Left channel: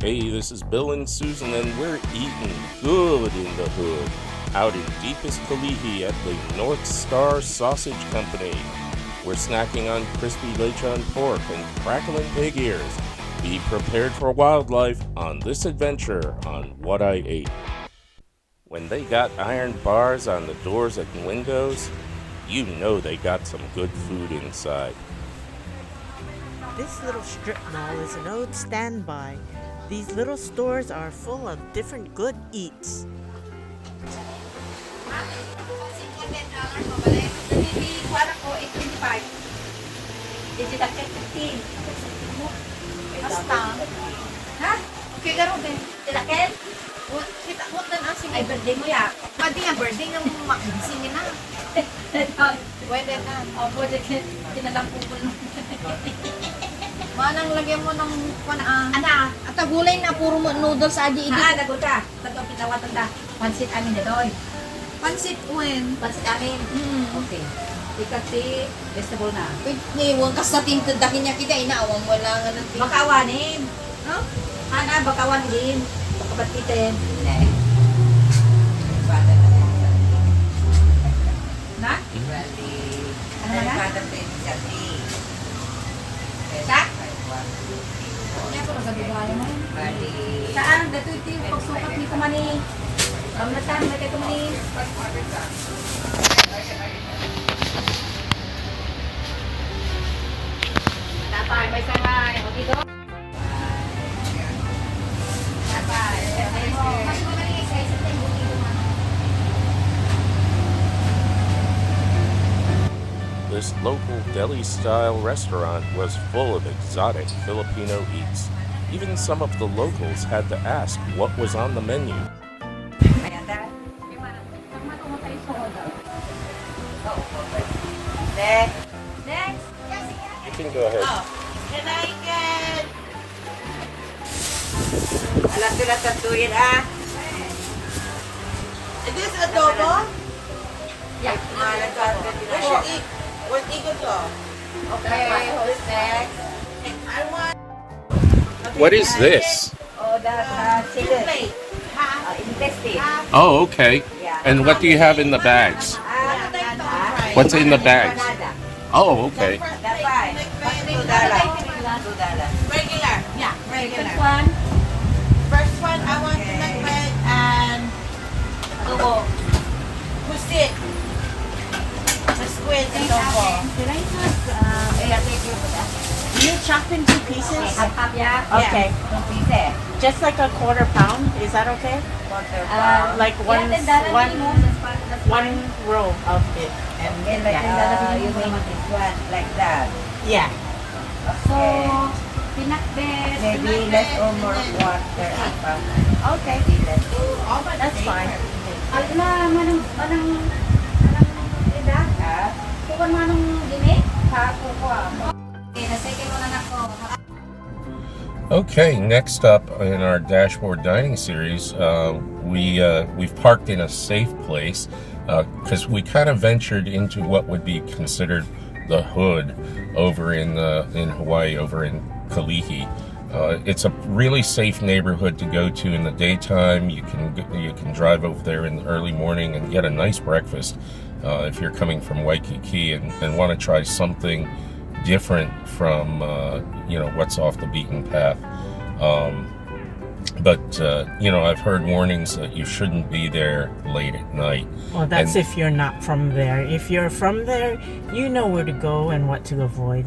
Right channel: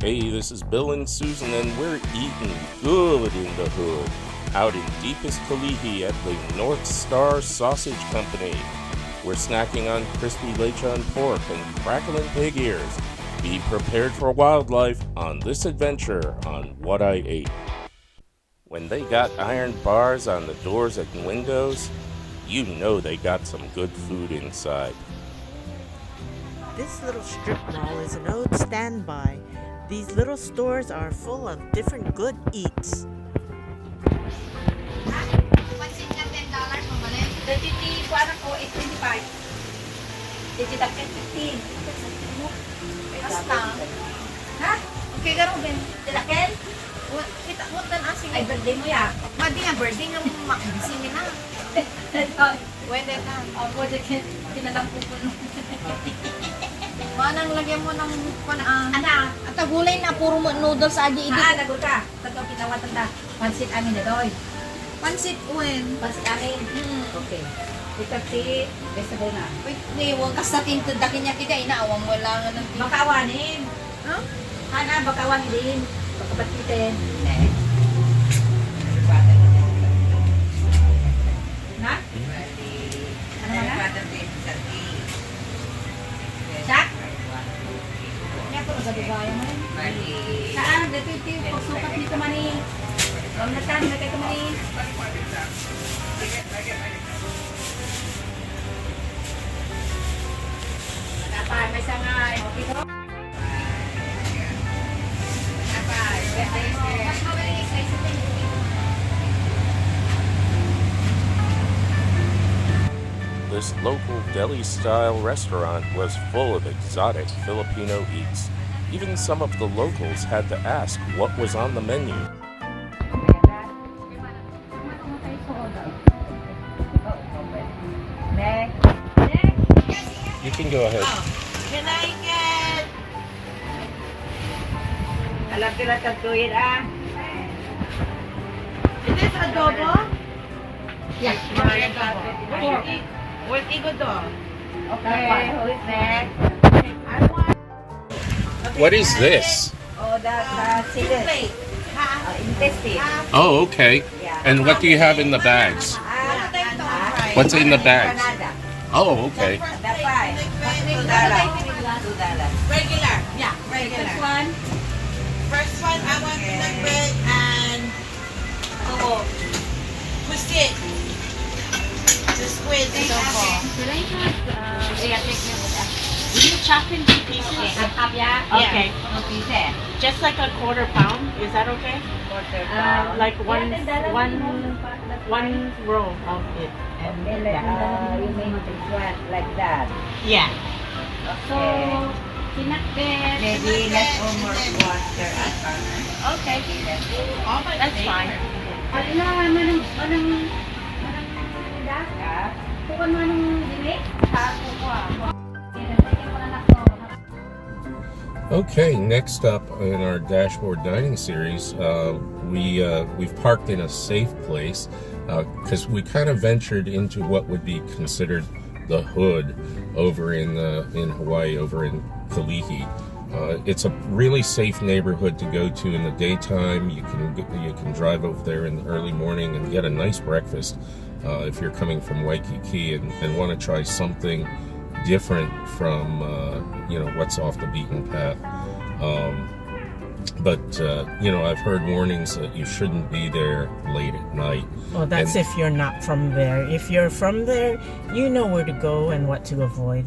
Hey, this is Bill and Susan, and we're eating good in the hood, out in deepest Kalihi at the North Star Sausage Company. We're snacking on crispy lechon pork and crackling pig ears. Be prepared for wildlife on this adventure on What I Ate. When they got iron bars on the doors and windows, you know they got some good food inside. This little strip mall is an old standby. These little stores are full of different good eats. Pansit na $10 mabalik. Deli, kuwara ko 18.5. Dili lang 15. Basta. Ha? Kaya gano'n din. Tilakel? Kita mo na ang singin. Ay, birthday mo ya. Pwede yung birthday ng makabisingin na. Pwede na. Pwede kinalang pupunin. Manang lagyan mo ng anak. At gulay na puro noodles aja ini. Naguta. Tato pinawatan da. Pansit amin detoy. Pansit uwen. Pansit amin. Okay. Ikati vegetable na. Ni wong kasating tadakin niya kita inaawang wala nga nang bakawanin. Huh? Ana bakawan din. Bakabatiin. Na? Ano na? Saan? Dito yung pagsukat ni Kamani. Mamlasan na kay Kamani. Napay, may sangay. O, dito. Napay. Mas magaling isa sa This local deli-style restaurant was full of exotic Filipino eats. Even some of the locals had to ask what was on the menu. Next. You can go ahead. Can I get... Alam ko na tatuyin Is this adobo? Yeah. Where's Igo to? Okay, who's next? I want... What is this? Oh, that's chicken. Intestine. Oh, okay. Yeah. And what do you have in the bags? What's in the bags? Oh, okay. Regular. Yeah, regular. First one. First one, I want pinakbet and... Cuisine. The squid adobo. Can I just, yeah, take care of that. You chop into pieces? Half, yeah? Okay. No pieces. Just like a quarter pound, is that okay? Quarter pound. Like one roll of it. You mean this one, like that? Yeah. So, pinakbet. Maybe less or more water. Okay. That's fine. Anong ida? Kukuha mo anong dinig? Kukuha. Okay, next up in our dashboard dining series, we've parked in a safe place because we kind of ventured into what would be considered the hood over in Hawaii, over in Kalihi. It's a really safe neighborhood to go to in the daytime. You can drive over there in the early morning and get a nice breakfast if you're coming from Waikiki and want to try something different from what's off the beaten path. But I've heard warnings that you shouldn't be there late at night. Well, that's if you're not from there. If you're from there, you know where to go and what to avoid.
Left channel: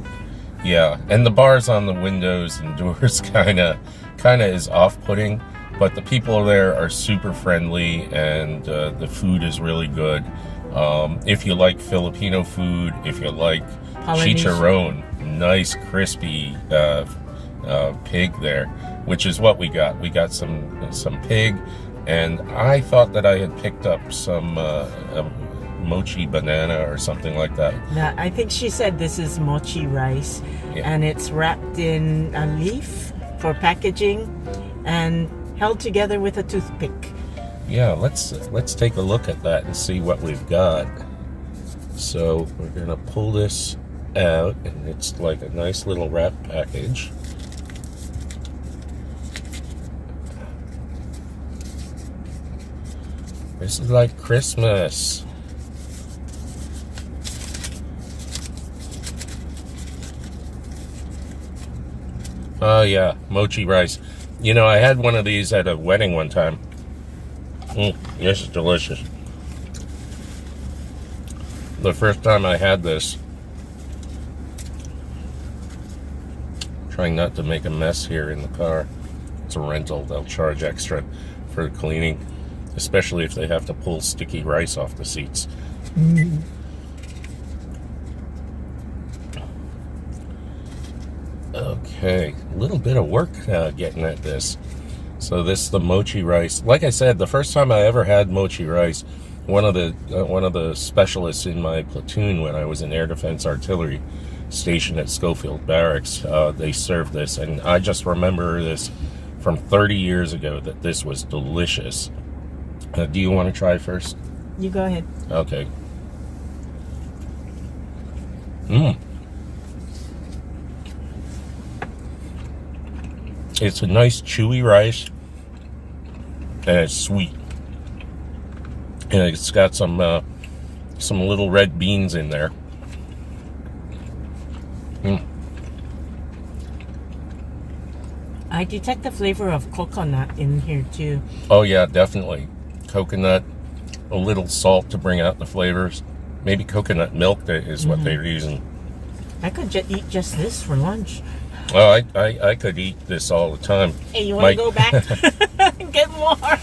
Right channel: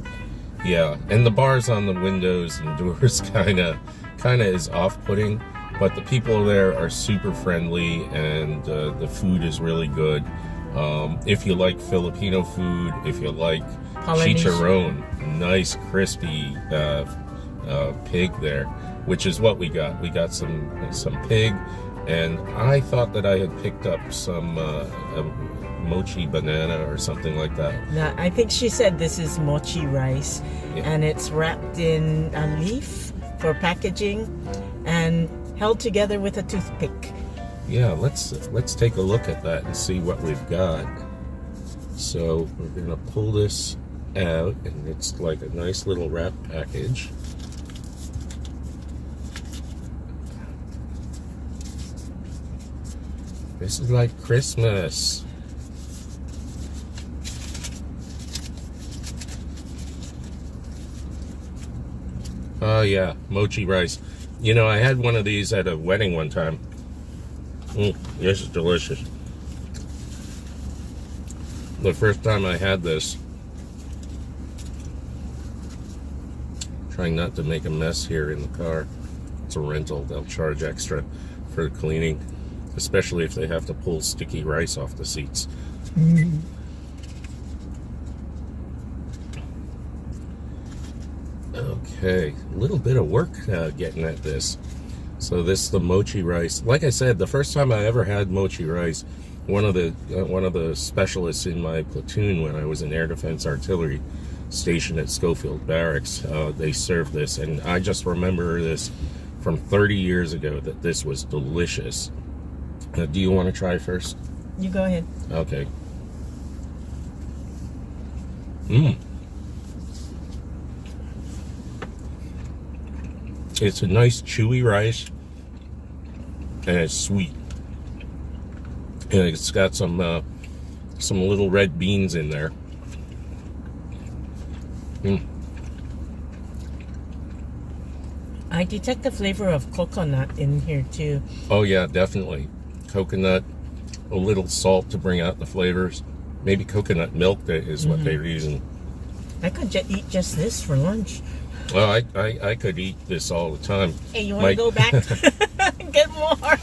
Yeah, and the bars on the windows and doors kind of is off-putting, but the people there are super friendly and the food is really good. If you like Filipino food, if you like chicharron, nice crispy pig there, which is what we got. We got some pig, and I thought that I had picked up some mochi banana or something like that. Yeah, I think she said this is Mochi Rice, and it's wrapped in a leaf for packaging and held together with a toothpick. Yeah, let's take a look at that and see what we've got. So we're gonna pull this out, and it's like a nice little wrap package. This is like Christmas. Oh yeah, mochi rice. You know, I had one of these at a wedding one time. This is delicious. The first time I had this, trying not to make a mess here in the car. It's a rental. They'll charge extra for cleaning, especially if they have to pull sticky rice off the seats. Okay, a little bit of work getting at this. So this is the mochi rice. Like I said, the first time I ever had mochi rice, one of the specialists in my platoon when I was in Air Defense Artillery stationed at Schofield Barracks, they served this, and I just remember this from 30 years ago that this was delicious. Do you want to try first? You go ahead. Okay. It's a nice chewy rice, and it's sweet. And it's got some little red beans in there. I detect the flavor of coconut in here too. Oh yeah, definitely. Coconut, a little salt to bring out the flavors. Maybe coconut milk is what they're using. I could eat just this for lunch. Oh, I could eat this all the time. Hey, you want to go back and get more?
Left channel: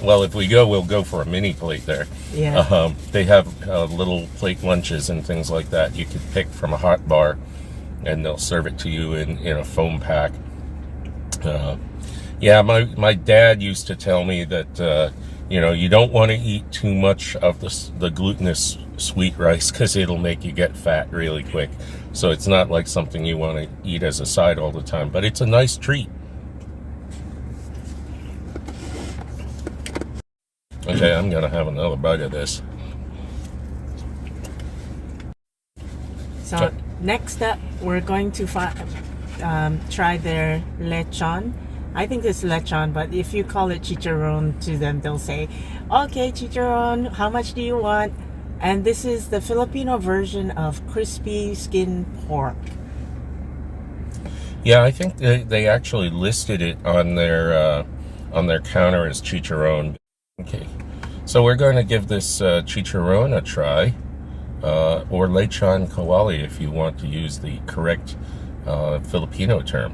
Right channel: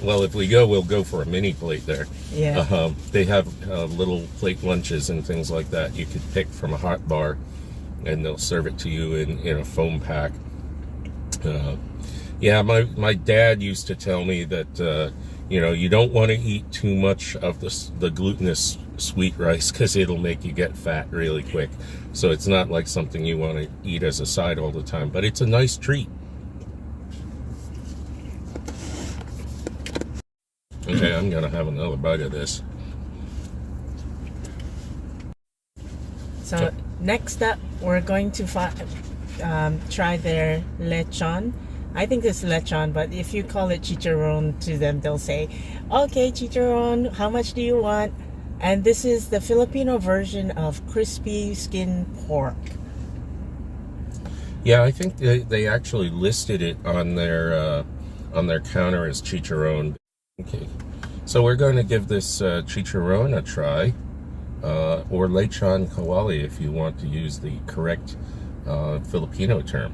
Well, if we go, we'll go for a mini plate there. Yeah. They have little plate lunches and things like that you could pick from a hot bar, and they'll serve it to you in a foam pack. Yeah, my dad used to tell me that you don't want to eat too much of the glutinous sweet rice because it'll make you get fat really quick. So it's not like something you want to eat as a side all the time, but it's a nice treat. Okay, I'm gonna have another bite of this. So next up, we're going to try their lechon. I think it's lechon, but if you call it chicharron to them, they'll say, okay, chicharron, how much do you want? And this is the Filipino version of crispy skin pork. Yeah, I think they actually listed it on their counter as chicharron. Okay, so we're going to give this chicharron a try, or lechon kawali if you want to use the correct Filipino term.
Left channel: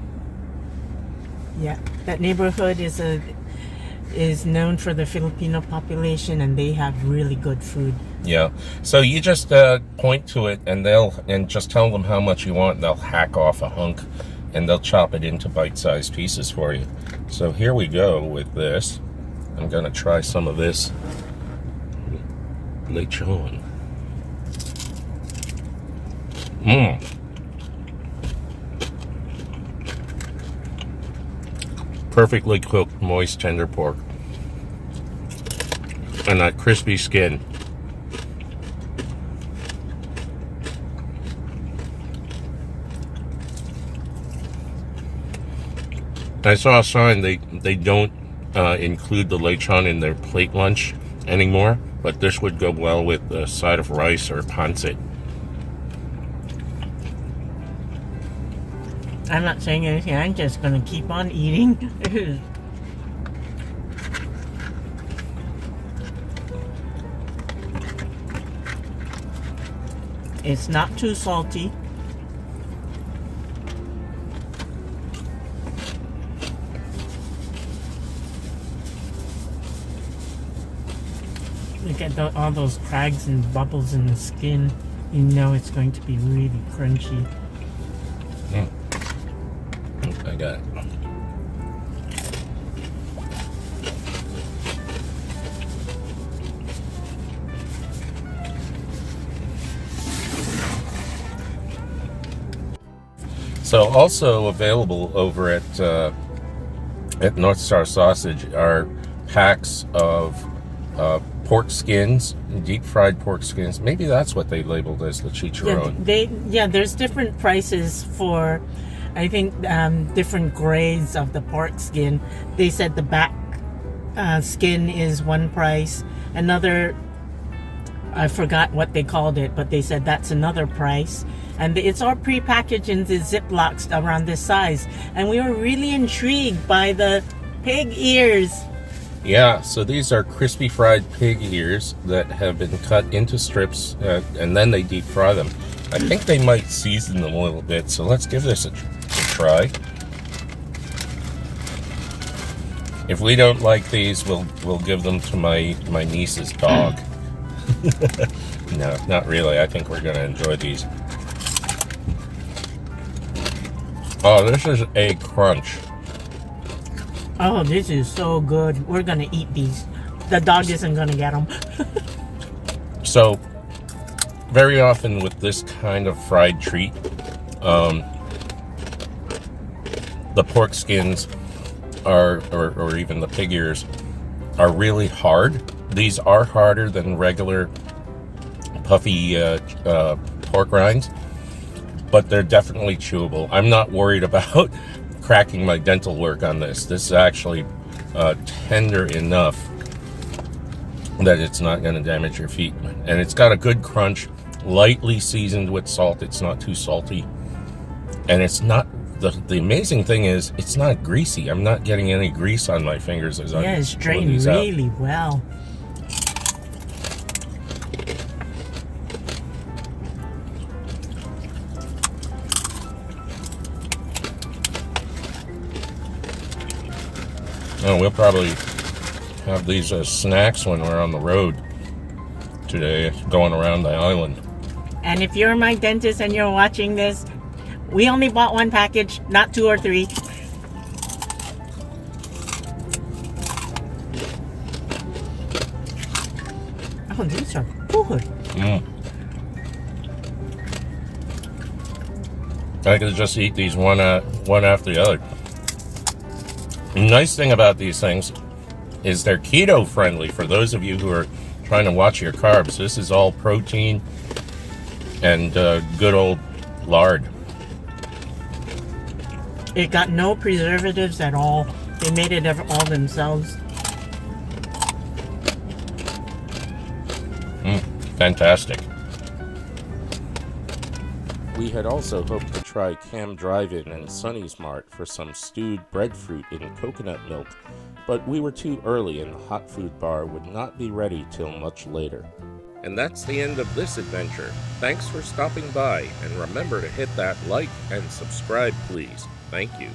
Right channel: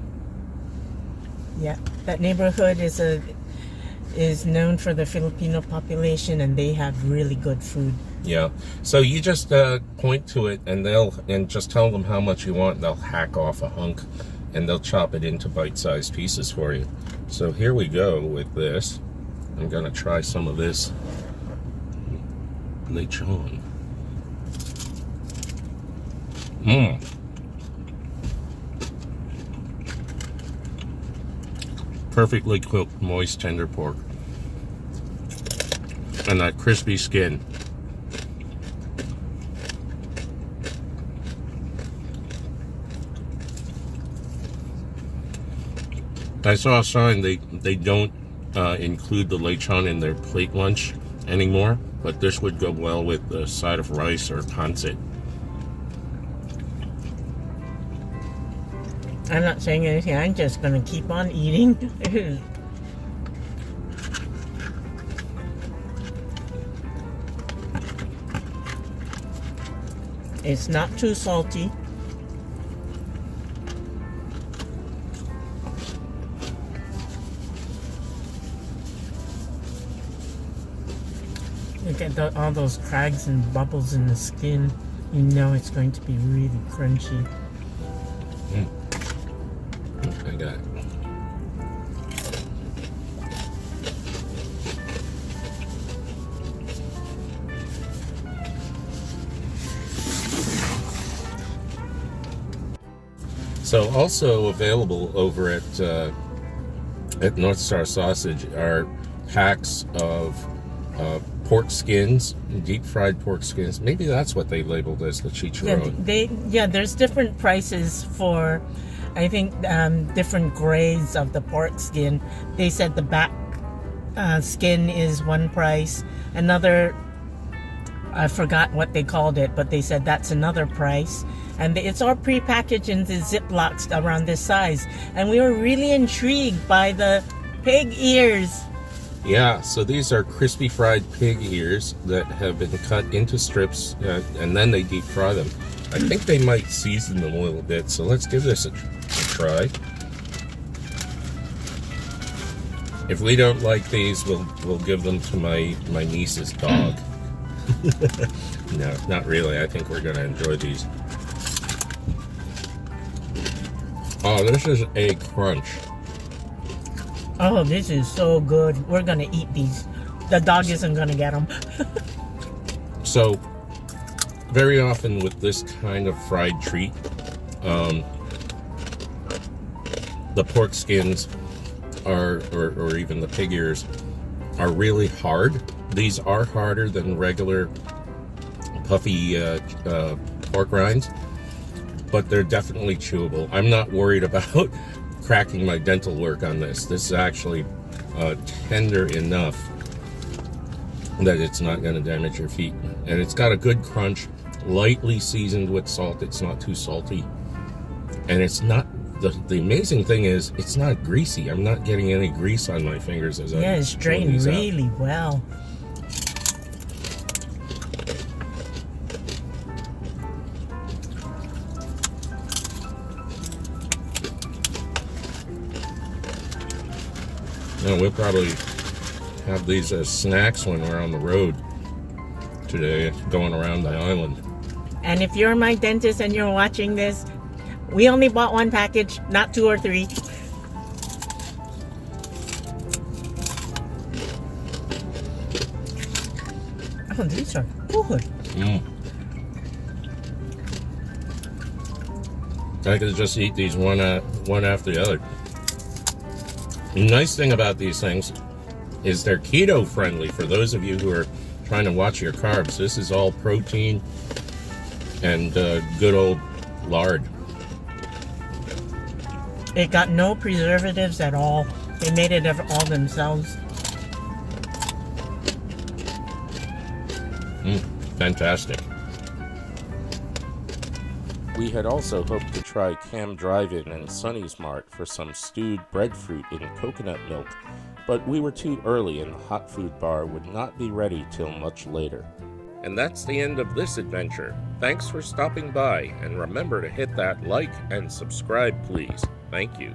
Yeah, that neighborhood is known for the Filipino population, and they have really good food. Yeah, so you just point to it, and just tell them how much you want, and they'll hack off a hunk, and they'll chop it into bite-sized pieces for you. So here we go with this. I'm gonna try some of this lechon. Perfectly cooked, moist, tender pork, and that crispy skin. I saw a sign they don't include the lechon in their plate lunch anymore, but this would go well with a side of rice or pancit. I'm not saying anything. I'm just going to keep on eating. It's not too salty. Look at all those crags and bubbles in the skin. You know it's going to be really crunchy. I got it. So also available over at North Star Sausage are packs of pork skins, deep fried pork skins. Maybe that's what they labeled as the chicharron. Yeah, there's different prices for, I think, different grades of the pork skin. They said the back skin is one price. Another, I forgot what they called it, but they said that's another price. And it's all prepackaged in the Ziplocs around this size. And we were really intrigued by the pig ears. Yeah, so these are crispy fried pig ears that have been cut into strips, and then they deep fry them. I think they might season them a little bit, so let's give this a try. If we don't like these, we'll give them to my niece's dog. No, not really. I think we're gonna enjoy these. Oh, this is a crunch. Oh, this is so good. We're gonna eat these. The dog isn't gonna get them. So, very often with this kind of fried treat, the pork skins are, or even the pig ears, are really hard. These are harder than regular puffy pork rinds, but they're definitely chewable. I'm not worried about cracking my dental work on this. This is actually tender enough that it's not going to damage your feet. And it's got a good crunch, lightly seasoned with salt. It's not too salty. And it's not, the amazing thing is, it's not greasy. I'm not getting any grease on my fingers as I Yeah, it's drained really well. Oh, we'll probably have these as snacks when we're on the road today, going around the island. And if you're my dentist and you're watching this, we only bought one package, not 2 or 3. Oh, these are good. I could just eat these one after the other. The nice thing about these things is they're keto friendly for those of you who are trying to watch your carbs. This is all protein and good old lard. It got no preservatives at all. They made it all themselves. Fantastic. We had also hoped to try Cam Drive-In and Sunny's Mart for some stewed breadfruit in coconut milk, but we were too early and the hot food bar would not be ready till much later. And that's the end of this adventure. Thanks for stopping by, and remember to hit that like and subscribe, please. Thank you.